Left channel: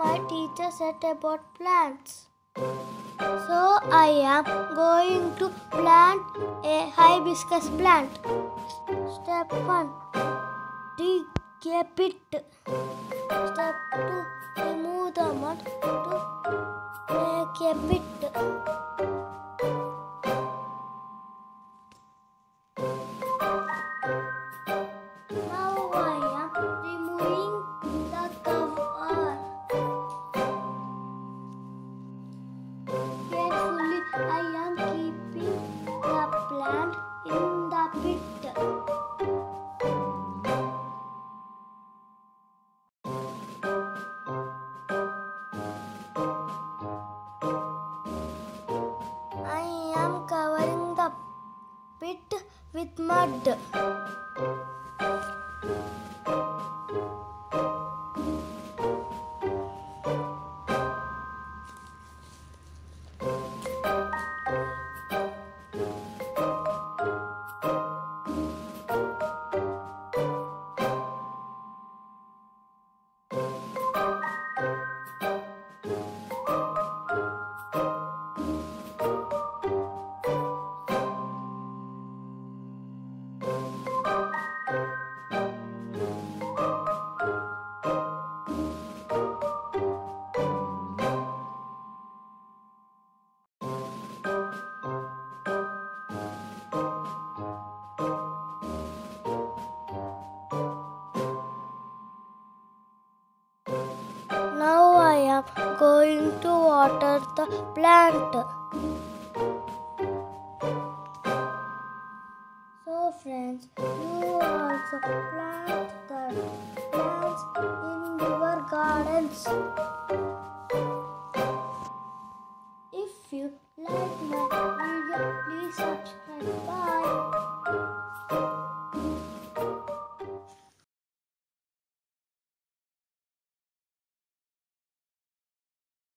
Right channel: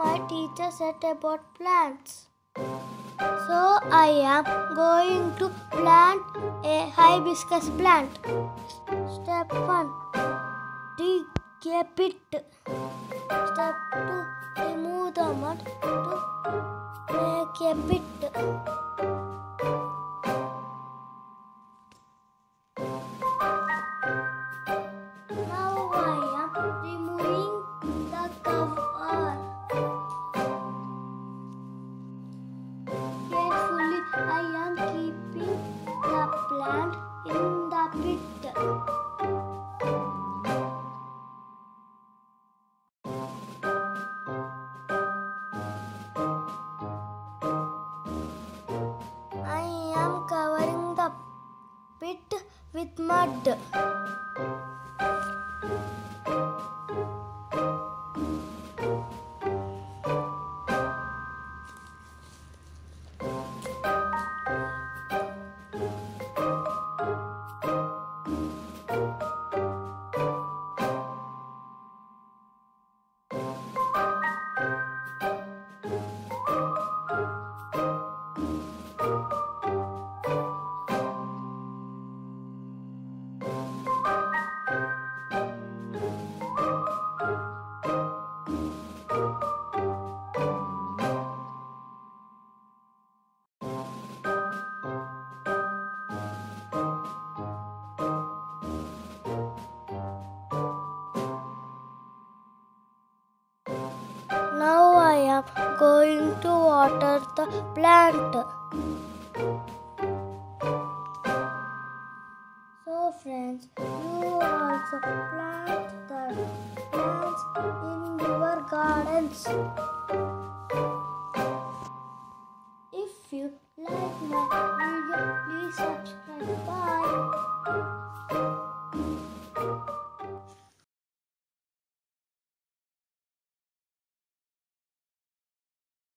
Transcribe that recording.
my teacher said about plants. So I am going to plant a hibiscus plant. Step 1. Dig a pit. Step 2. Remove the mud to make a pit. Now I am removing the cover. Carefully I am keeping the plant in the pit. I am covering the pit with mud. Now I am going to water the plant. So friends, you also plant the plants in your gardens. If you like my video, please subscribe. Bye.